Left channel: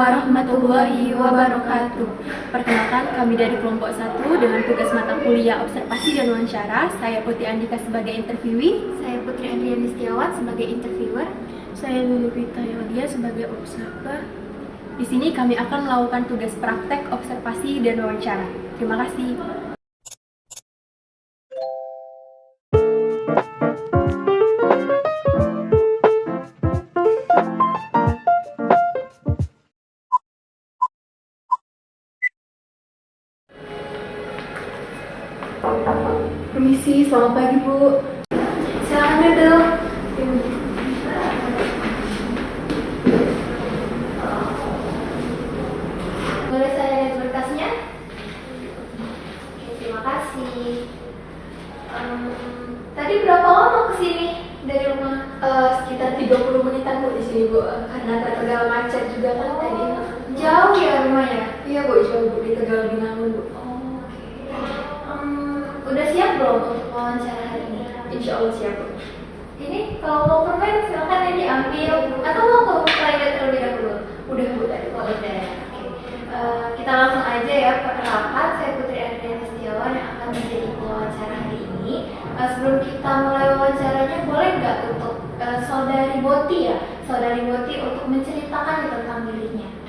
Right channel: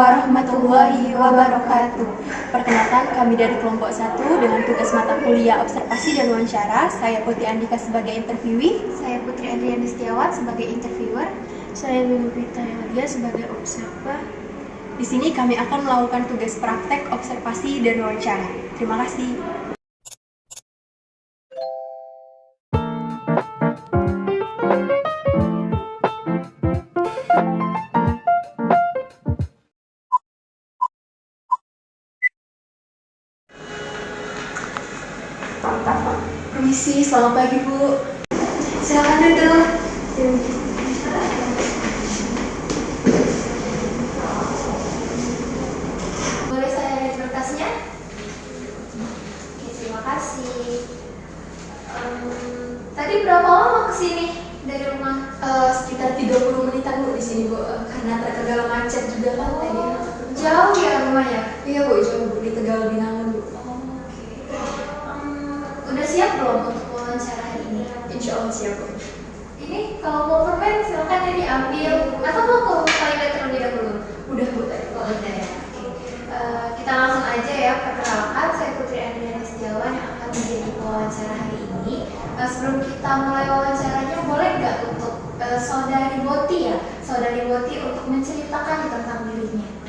warahmatullahi wabarakatuh. Perkenalkan, kami dari kelompok 1 dengan tugas mata kuliah observasi dan wawancara. Saya Putri Andika sebagai interviewee. Saya Putri Andriani Setiawan sebagai interviewer. Saya Lulupita Yulia sebagai observer. Di sini kami akan melakukan tugas praktek observasi dan wawancara. Terima kasih. Permisi, selamat pagi Bu. Silakan duduk. Boleh saya lihat berkasnya? Oke, terima kasih. Tadi berapa lama kesini dari rumah? Sekitar 30 menitan Bu di sini Bu, karena terkendala macet juga kan tadi. Jauh ya rumahnya? Iya Bu, jauh Bu, di Tegal Binangun Bu. Udah siap belum untuk wawancara hari ini? Insya Allah siap Bu. Ini kalau mau permen silakan ya diambil atau mau ke toilet terlebih dahulu? Udah Bu tadi. Oh, udah ya. Oke. Kita langsung aja ya, perkenalkan saya Putri Andriani Setiawan yang akan menjadi pewawancara hari ini. Sebelum kita mulai wawancaranya, boleh nggak untuk saudari Boti ya, saudari Boti untuk menceritakan tentang dirinya?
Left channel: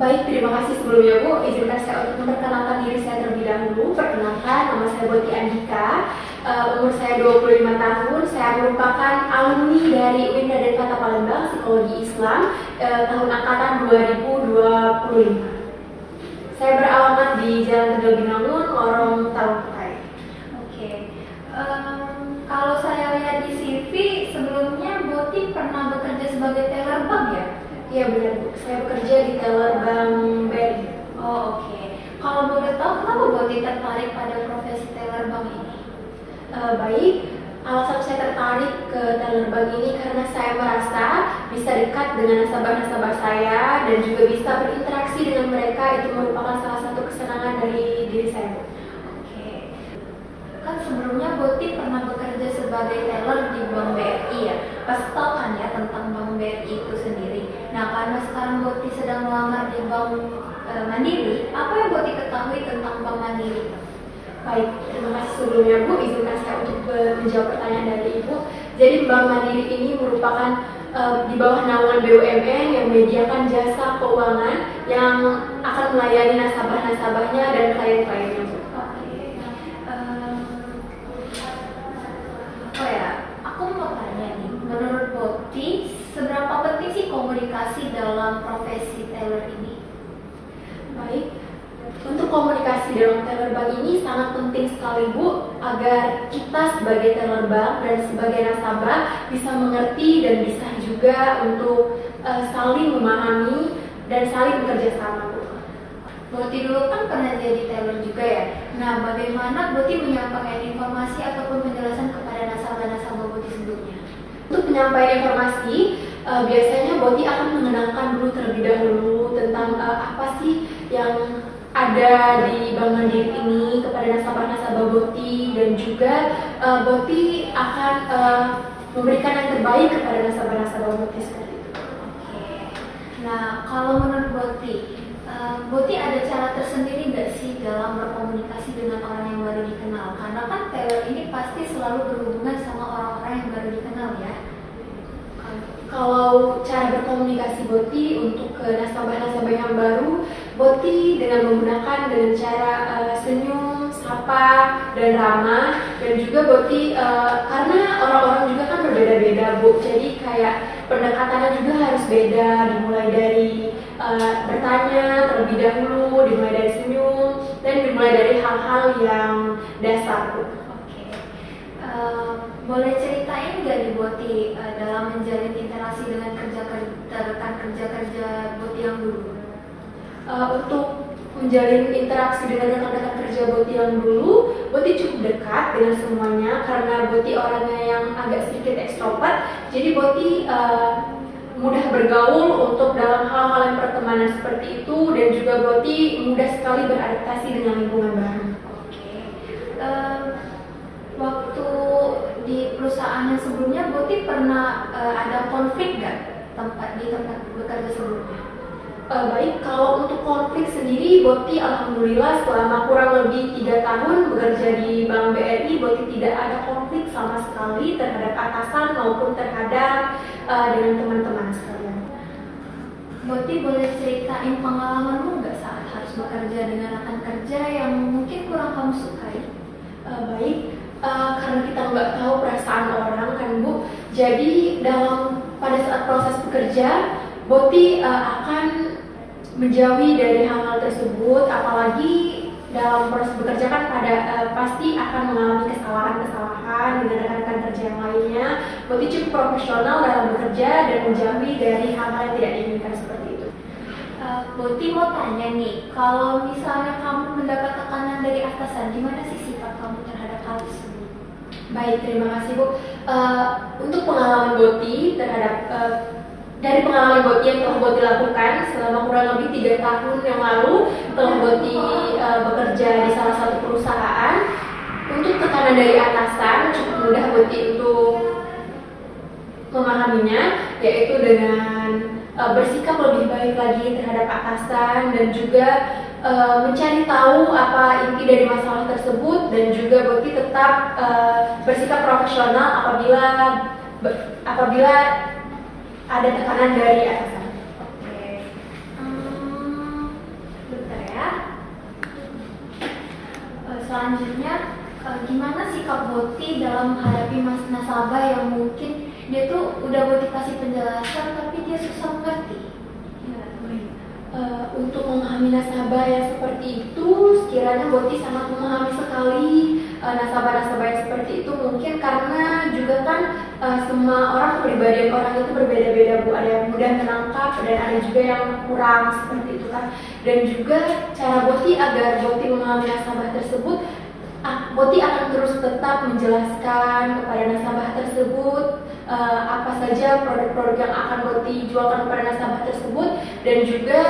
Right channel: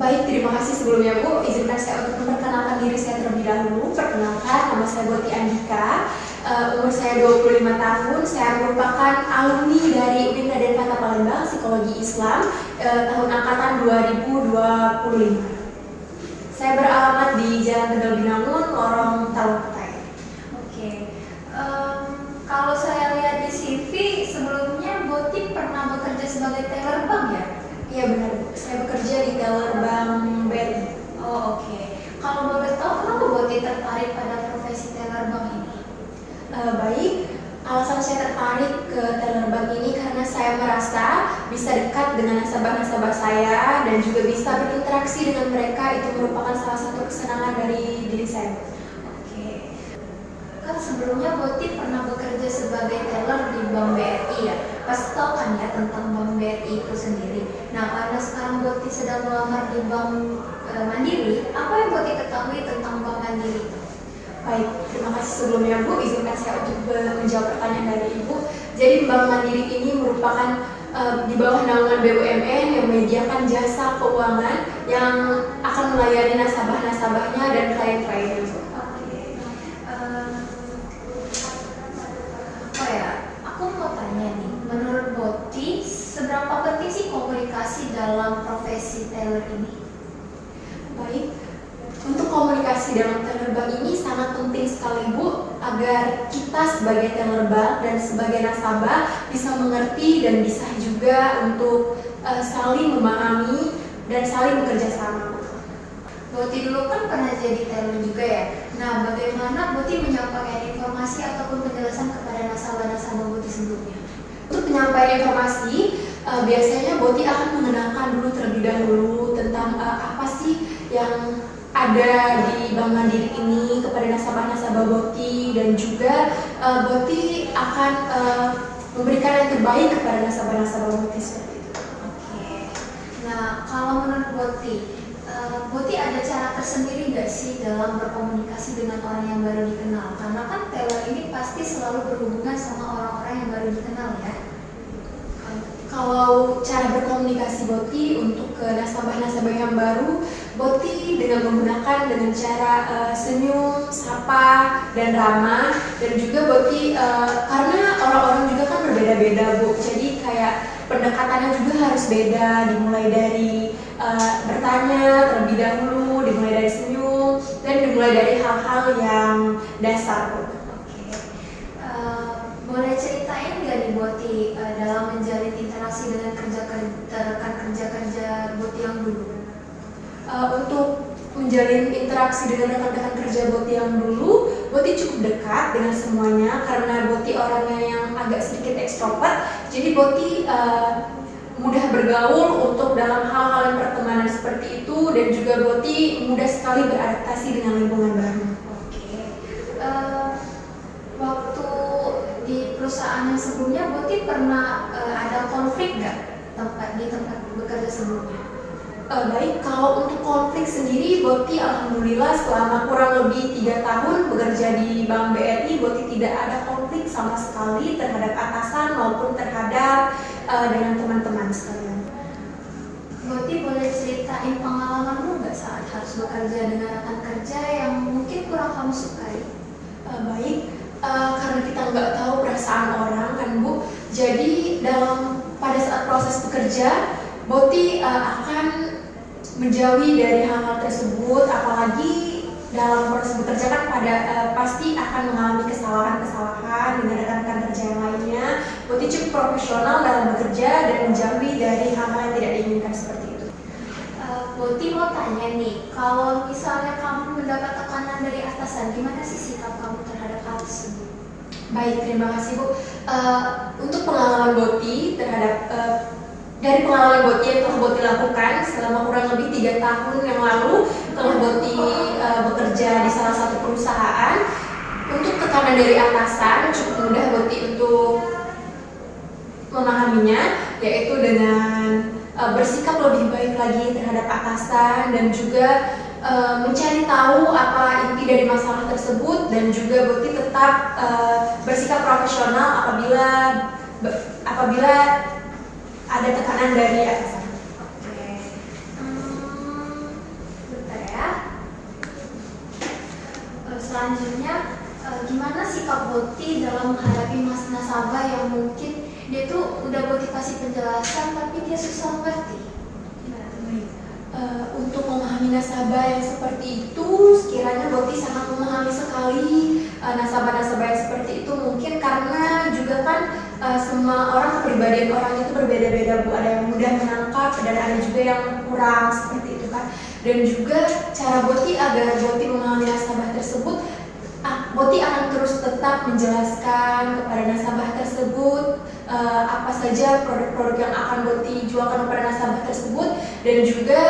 Baik, terima kasih sebelumnya Bu. Izinkan saya untuk memperkenalkan diri saya terlebih dahulu. Perkenalkan, nama saya Boti Andika. Umur saya 25 tahun. Saya merupakan alumni dari UIN Raden Kata Palembang, Psikologi Islam, tahun angkatan 2025. Saya beralamat di Jalan Tegal Binangun, Lorong Talungpetai. Oke. Kalau saya lihat di CV sebelumnya Boti pernah bekerja sebagai teller bank ya? Iya benar Bu, saya bekerja di teller Bank BRI. Oh, oke. Kalau boleh tahu kenapa Boti tertarik pada profesi teller bank ini? Baik, alasan saya tertarik ke teller bank ini karena saya merasa bisa dekat dengan nasabah-nasabah saya dan juga bisa berinteraksi dengan mereka. Itu merupakan salah satu kesenangan dari diri saya. Oke. Kan sebelumnya Boti pernah bekerja sebagai teller di Bank BRI ya. Pasti tahu kan ya tentang Bank BRI itu sendiri. Nah, karena sekarang Boti sedang melamar di Bank Mandiri, apa yang Boti ketahui tentang Bank Mandiri? Baik, terima kasih sebelumnya Bu. Izinkan saya untuk menjawab pertanyaan dari Ibu. Jadi Bank Mandiri ini merupakan di bawah naungan BUMN yang menyediakan jasa keuangan yang akan melayani nasabah-nasabahnya dan klien-kliennya. Aku mau tanya nih, menurut Boti, seberapa penting sih komunikasi dalam profesi teller ini? Baik, untuk komunikasi dalam teller bank ini sangat penting sekali Bu, agar kita sebagai teller bank dan sebagai nasabah bisa mengerti dan bisa juga untuk saling memahami dan saling bekerja sama Bu. Boti dulu kan pernah jadi teller juga ya. Nah, bagaimana Boti menyampaikan informasi ataupun penjelasan kepada nasabah-nasabah Boti sebelumnya? Untuk penyampaian informasi, biasanya Boti akan mengenalkan dulu terlebih dahulu tentang apa sih yang ada di Bank Mandiri ini kepada nasabah-nasabah Boti, dan juga Boti akan memberikan yang terbaik kepada nasabah-nasabah Boti seperti itu. Oke. Nah, kalau menurut Boti, Boti ada cara tersendiri nggak sih dalam berkomunikasi dengan orang yang baru dikenal? Karena kan teller ini pasti selalu berhubungan sama orang-orang yang baru dikenal ya. Kalau cara berkomunikasi Boti untuk ke nasabah-nasabah yang baru, Boti dengan menggunakan cara senyum, sapa, dan ramah. Dan juga Boti karena orang-orang juga kan berbeda-beda Bu, jadi kayak pendekatannya juga harus beda, dimulai dari bertanya terlebih dahulu, dimulai dari senyum, dan dimulai dari hal-hal yang dasar Bu. Oke. Boleh ceritain nggak nih Boti dalam menjalin interaksi dengan rekan kerja Boti yang dulu? Untuk menjalin interaksi dengan rekan-rekan kerja Boti yang dulu, Boti cukup dekat dengan semuanya karena Boti orangnya yang agak sedikit ekstrovert. Jadi Boti mudah bergaul untuk dalam hal-hal yang pertemanan seperti itu, dan juga Boti mudah sekali beradaptasi dengan lingkungan baru. Oke. Waktu di perusahaan yang sebelumnya Boti pernah ada konflik nggak di tempat bekerja sebelumnya? Baik, kalau untuk konflik sendiri, Boti alhamdulillah selama kurang lebih 3 tahun bekerja di Bank BRI, Boti tidak ada konflik sama sekali terhadap atasan maupun terhadap dengan teman-teman sekalian. Boti boleh ceritain pengalamanmu nggak saat harus bekerja dengan rekan kerja yang mungkin kurang kamu sukai? Baik, karena kita nggak tahu perasaan orang kan Bu, jadi pada saat proses bekerja, Boti akan menjauhi dari hal-hal tersebut, apalagi dalam proses bekerja kan pasti akan mengalami kesalahan-kesalahan dengan rekan-rekan kerja yang lainnya. Boti cukup profesional dalam bekerja dan menjauhi dari hal-hal yang tidak diinginkan seperti itu. Boti mau tanya nih, kalau misalnya kamu mendapat tekanan dari atasan, gimana sih sikap kamu terhadap hal tersebut? Baik, terima kasih Bu. Untuk pengalaman Boti dari pengalaman Boti yang telah Boti lakukan selama kurang lebih 3 tahun yang lalu telah Boti bekerja di salah satu perusahaan. Untuk tekanan dari atasan cukup mudah Boti untuk memahaminya, yaitu dengan bersikap lebih baik lagi terhadap atasan dan juga mencari tahu apa inti dari masalah tersebut, dan juga Boti tetap bersikap profesional apabila ada tekanan dari atasan. Oke. Bentar ya. Selanjutnya, gimana sikap Boti dalam menghadapi nasabah yang mungkin dia tuh udah Boti kasih penjelasan tapi dia susah mengerti? Untuk memahami nasabah yang seperti itu, sekiranya Boti sangat memahami sekali nasabah-nasabah yang seperti itu, mungkin karena juga kan semua orang, kepribadian orang itu berbeda-beda Bu, ada yang mudah menangkap dan ada juga yang kurang seperti itu kan. Dan juga cara Boti agar Boti memahami nasabah tersebut, Boti akan terus tetap menjelaskan kepada nasabah tersebut apa saja produk-produk yang akan Boti jualkan kepada nasabah tersebut, dan juga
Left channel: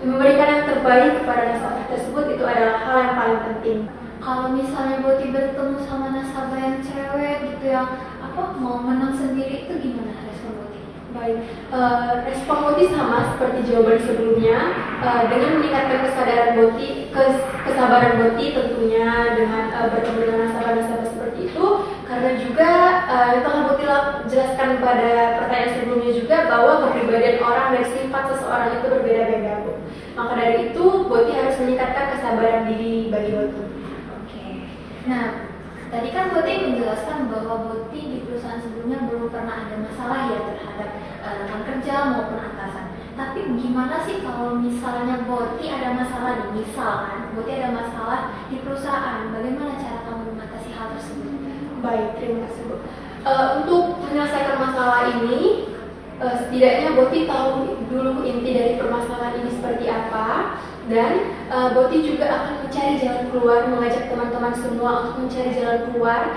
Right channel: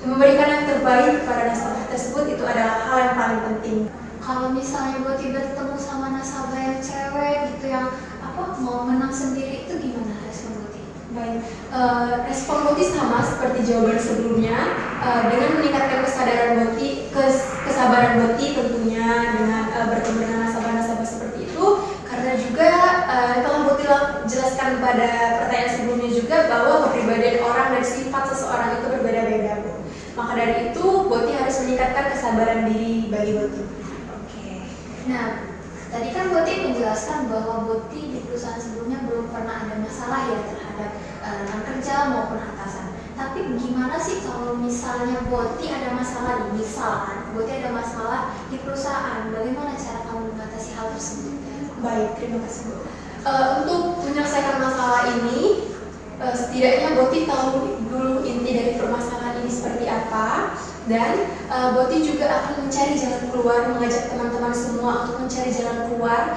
memberikan yang terbaik kepada nasabah tersebut. Itu adalah hal yang paling penting. Kalau misalnya Boti bertemu sama nasabah yang cerewet gitu, yang mau menang sendiri, itu gimana respon Boti? Baik, respon Boti sama seperti jawaban sebelumnya, dengan meningkatkan kesabaran Boti tentunya dengan bertemu dengan nasabah-nasabah seperti itu, karena juga telah Boti jelaskan pada pertanyaan sebelumnya juga bahwa kepribadian orang dan sifat seseorang itu berbeda-beda Bu. Maka dari itu Boti harus meningkatkan kesabaran diri bagi Boti. Oke. Nah, tadi kan Boti menjelaskan bahwa Boti di perusahaan sebelumnya belum pernah ada masalah ya terhadap rekan kerja maupun atasan. Tapi gimana sih kalau misalnya Boti ada masalah misalkan Boti ada masalah di perusahaan, bagaimana cara kamu mengatasi hal tersebut? Baik, terima kasih Bu. Untuk menyelesaikan masalah ini, setidaknya Boti tahu dulu inti dari permasalahan ini seperti apa, dan Boti juga akan mencari jalan keluar, mengajak teman-teman semua untuk mencari jalan keluar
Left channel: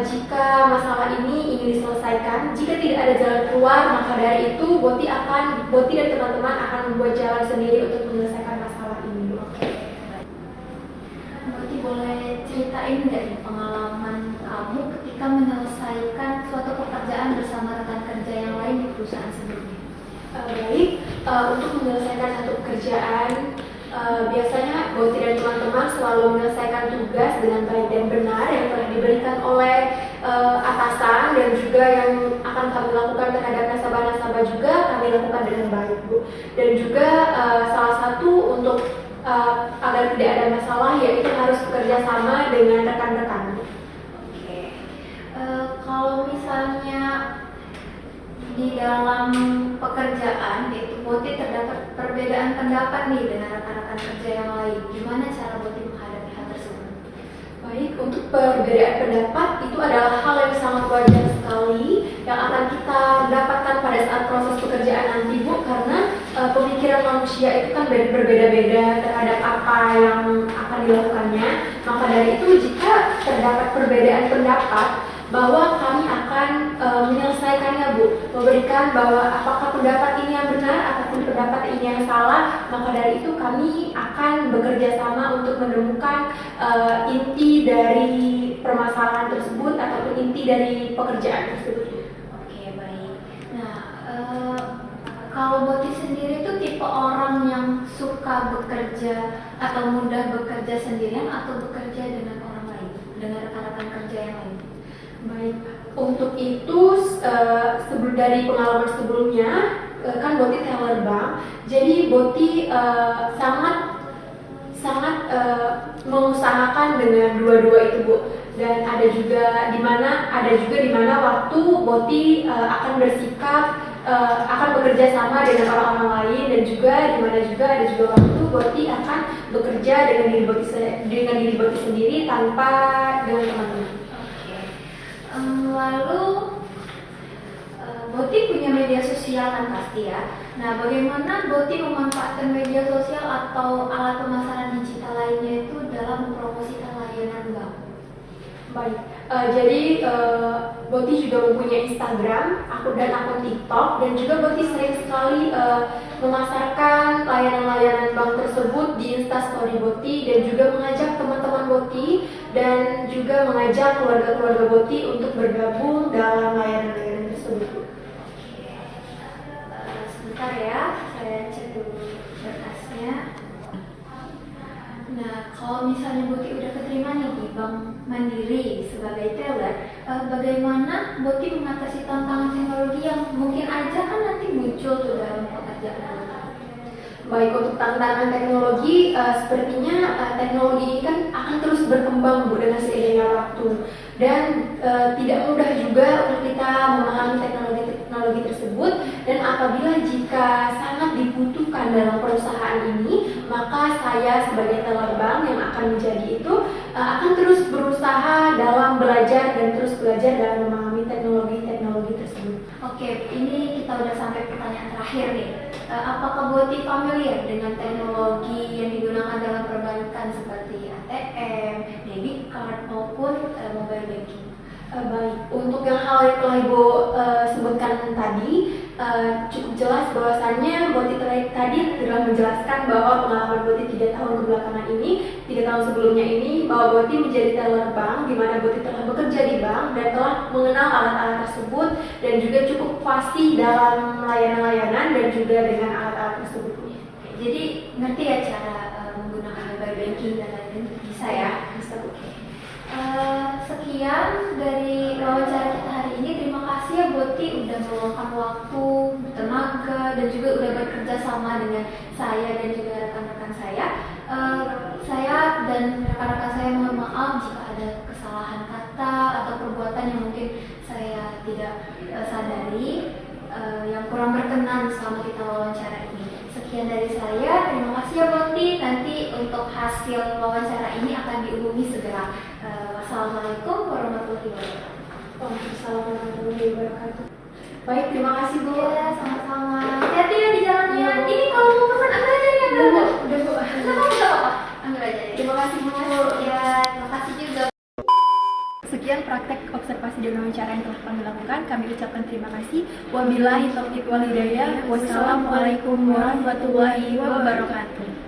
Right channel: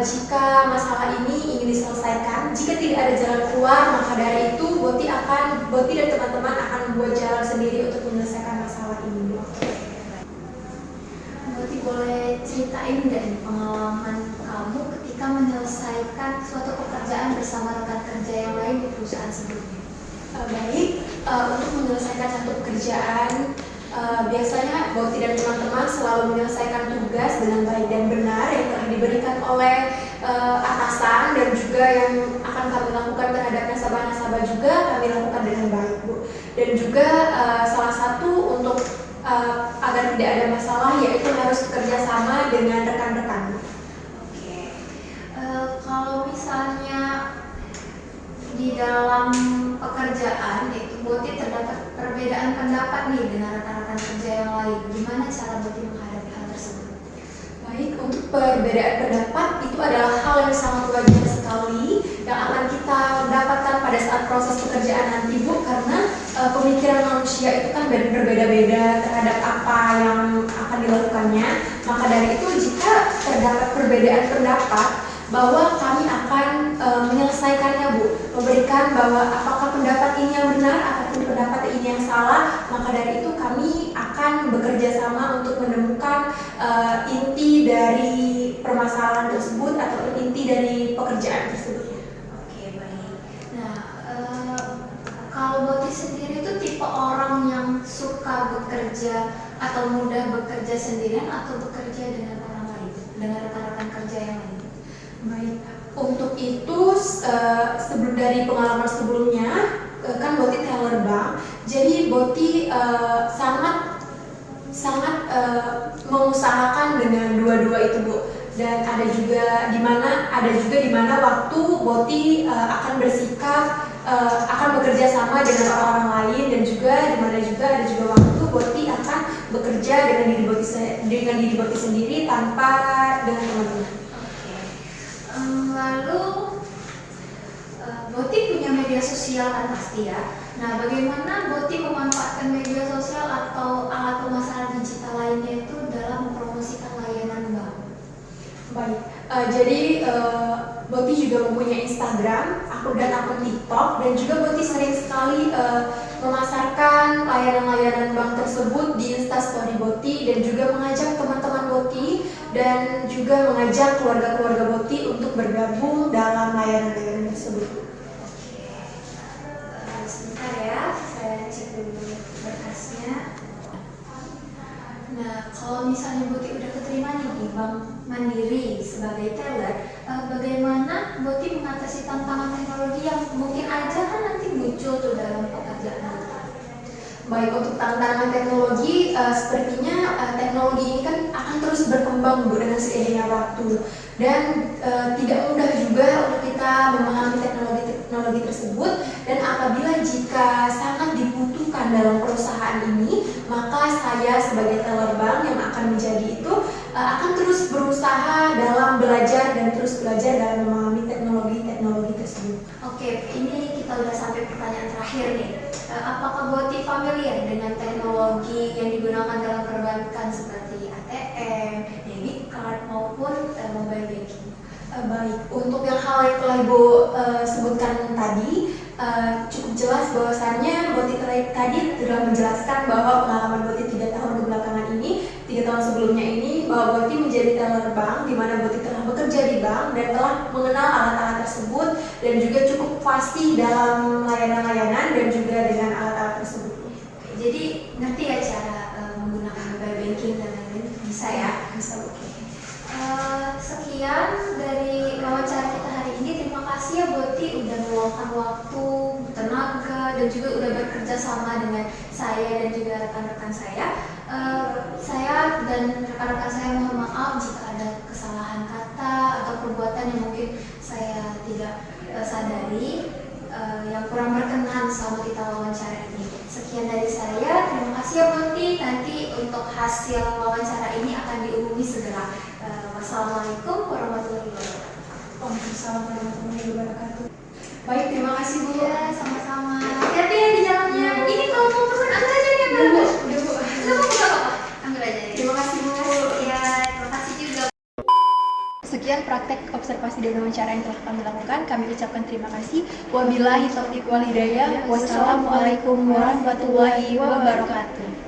jika masalah ini ingin diselesaikan. Jika tidak ada jalan keluar, maka dari itu Boti dan teman-teman akan membuat jalan sendiri untuk menyelesaikan masalah ini. Boti boleh ceritain nggak nih pengalaman kamu ketika menyelesaikan suatu pekerjaan bersama rekan kerja yang lain di perusahaan sebelumnya? Baik, untuk menyelesaikan satu pekerjaan, biasanya Boti dan teman-teman selalu menyelesaikan tugas dengan baik dan benar yang telah diberikan oleh atasan, dan juga yang akan kami lakukan terhadap nasabah-nasabah juga kami lakukan dengan baik Bu. Dan juga salah satu untuk agar tidak ada masalah yaitu harus bekerja sama dengan rekan-rekan. Oke. Kalau misalnya di dalam pekerjaan itu Boti terdapat perbedaan pendapat nih dengan rekan-rekan kerja yang lain, gimana cara Boti menghadapi hal tersebut? Baik, untuk perbedaan pendapat itu adalah hal yang sangat wajar sekali yang akan kita dapatkan pada saat proses pekerjaan nanti Bu, karena pemikiran manusia itu kan berbeda-beda terhadap apa yang akan dilakukannya. Maka dari itu jika terdapat perbedaan pendapat, bahwa kami akan menyelesaikannya Bu, memberikan bahwa apakah pendapat ini yang benar ataupun pendapat ini yang salah. Maka dari itu kami akan bekerja sama untuk menemukan inti dari permasalahan tersebut ataupun inti dari pekerjaan tersebut. Oke, baik. Nah, Kalau Boti sendiri itu tipe orang yang suka bekerja atau mudah bekerja sendirian atau bekerja dengan orang lain, dengan rekan-rekan kerja yang lain? Baik, untuk itu sebelum dari pengalaman sebelumnya kan Boti teller bank, jadi Boti sangat mengusahakan dengan dua-dua itu Bu. Dan ada juga di mana waktu Boti akan bersikap akan bekerja sama dengan orang-orang lain, dan juga di mana juga ada juga waktu Boti akan bekerja dengan diri Boti sendiri tanpa dengan teman-teman. Lalu Boti punya media sosial kan pasti ya. Nah, bagaimana Boti memanfaatkan media sosial atau alat pemasaran digital lainnya itu dalam mempromosikan layanan bank? Baik, jadi Boti juga mempunyai Instagram, akun TikTok, dan juga Boti sering sekali memasarkan layanan-layanan bank tersebut di Instastory Boti, dan juga mengajak teman-teman Boti dan juga mengajak keluarga-keluarga Boti untuk bergabung dalam layanan-layanan tersebut. Sebentar ya, saya cek dulu berkasnya. Nah, kalau misalnya Boti udah keterima nih di Bank Mandiri sebagai teller, bagaimana Boti mengatasi tantangan teknologi yang mungkin aja kan nanti muncul tuh dalam pekerjaan? Baik, untuk tantangan teknologi, sepertinya teknologi ini kan akan terus berkembang Bu dengan seiringnya waktu, dan tidak mudah juga untuk kita memahami teknologi tersebut, dan apabila jika sangat dibutuhkan dalam perusahaan ini, maka saya sebagai teller bank yang akan menjadi itu akan terus berusaha dalam belajar dan terus belajar dalam memahami teknologi tersebut. Oke, ini kita udah sampai pertanyaan terakhir nih. Apakah Boti familiar dengan teknologi yang digunakan dalam perbankan seperti ATM, debit card maupun mobile banking? Baik, untuk yang hal yang telah Ibu sebutkan tadi, cukup jelas bahwasannya Boti tadi telah menjelaskan bahwa pengalaman Boti 3 tahun kebelakangan ini, 3 tahun sebelumnya ini, bahwa Boti menjadi teller bank, di mana Boti telah bekerja di bank dan telah mengenal alat-alat tersebut, dan juga cukup fasih dalam layanan-layanan dan juga dengan alat-alat tersebut. Jadi ngerti ya cara menggunakan mobile banking dan lain-lain, bisa ya? Bisa Bu. Sekian dari wawancara kita hari ini. Terima kasih ya Boti udah meluangkan waktu, tenaga, dan juga udah bekerja sama dengan saya dan juga rekan-rekan saya. Saya dan rekan-rekan saya mohon maaf jika ada kesalahan kata atau perbuatan yang mungkin saya tidak sadari, yang kurang berkenan selama kita wawancara ini. Sekian dari saya, terima kasih ya Boti. Nanti untuk hasil wawancara ini akan diumumi segera. Wassalamualaikum warahmatullahi wabarakatuh. Waalaikumsalam warahmatullahi wabarakatuh. Baik, terima kasih Bu. Ya, sama-sama. Hati-hati ya di jalannya. Ini kalau mau pesan ambil aja nih, ambil aja. Udah Bu. Nggak apa-apa. Ambil aja. Terima kasih Bu. Ya, terima kasih juga. Sekian praktek observasi dan wawancara yang telah kami lakukan. Kami ucapkan terima kasih. Wabillahi taufiq wal hidayah. Wassalamualaikum warahmatullahi wabarakatuh.